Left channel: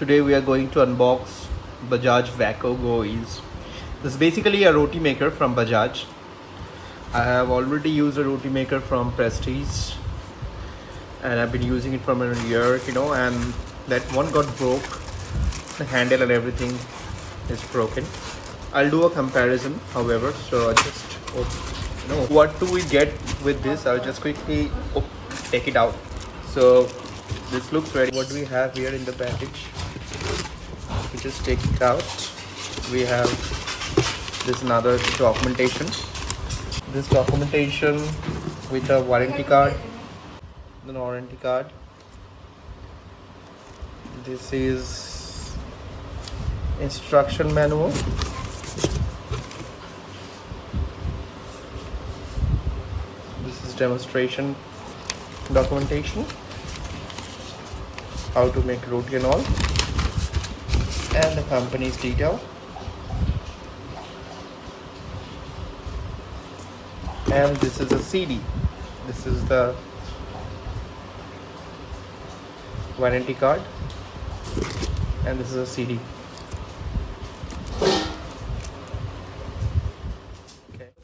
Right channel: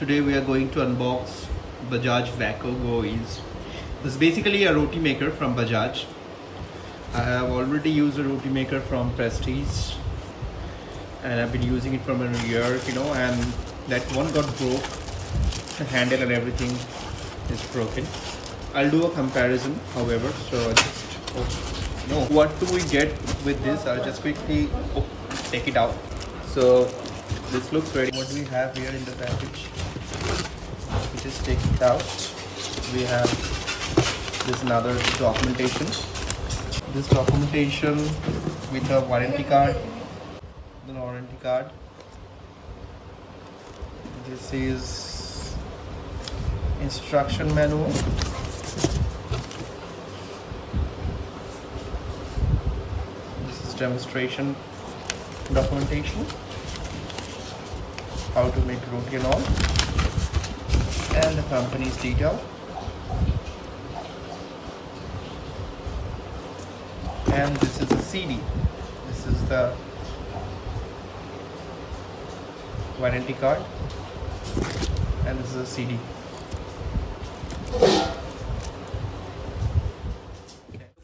Today we are going to unbox Bajaj Vaco Go Ease. This is basically a roti maker from Bajaj. I have already used a roti maker from Prestige and I've been using it for a year, and that one got broke. The handle and everything is broken. I'll do a comparison, however, so I'll just what do we get with this. I'll just quickly take it out. So this looks ready. What we have here in the package, we just take it out. We have this another documentation. This documentation with a warranty card. The warranty card. This is instruction manual. This is demonstration documentation. How to make roti and all, and the company's detail, and this is a CD. This is the warranty card, and this is a CD. Look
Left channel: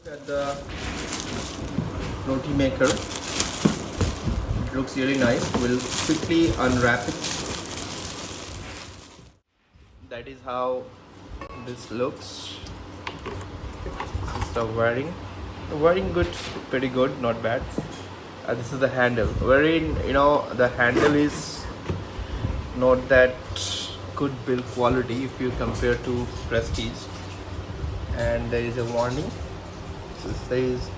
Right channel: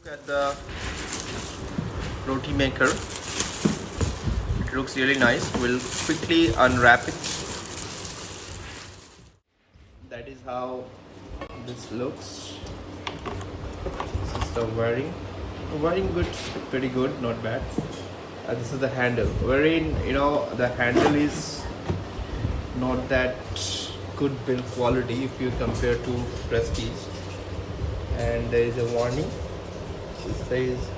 at the roti maker. It looks really nice. We'll quickly unwrap it. That is how this looks. This is the wiring. The wiring good, pretty good, not bad. This is the handle. Wherein the handle is not that good build quality if you compare to Prestige. And there is a warning. It says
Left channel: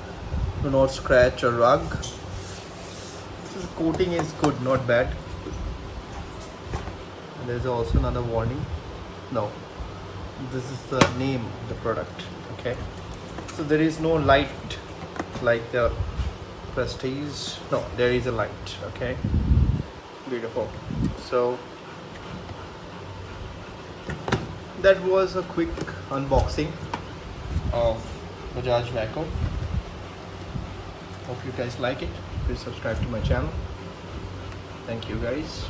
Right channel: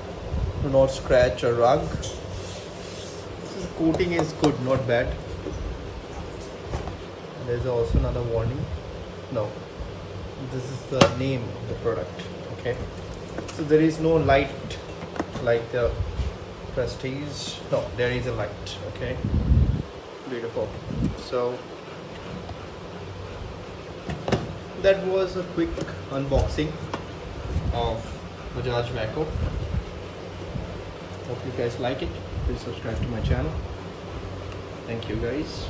do not scratch or rug. Coating is good, not bad. There is also another warning. No, this is the name of the product. Okay, so there is no light like the Prestige. No, there is a light. Okay, beautiful. So that was a quick unboxing of Bajaj Vaco. Hope you guys like it. Please subscribe to my channel. Thank you guys.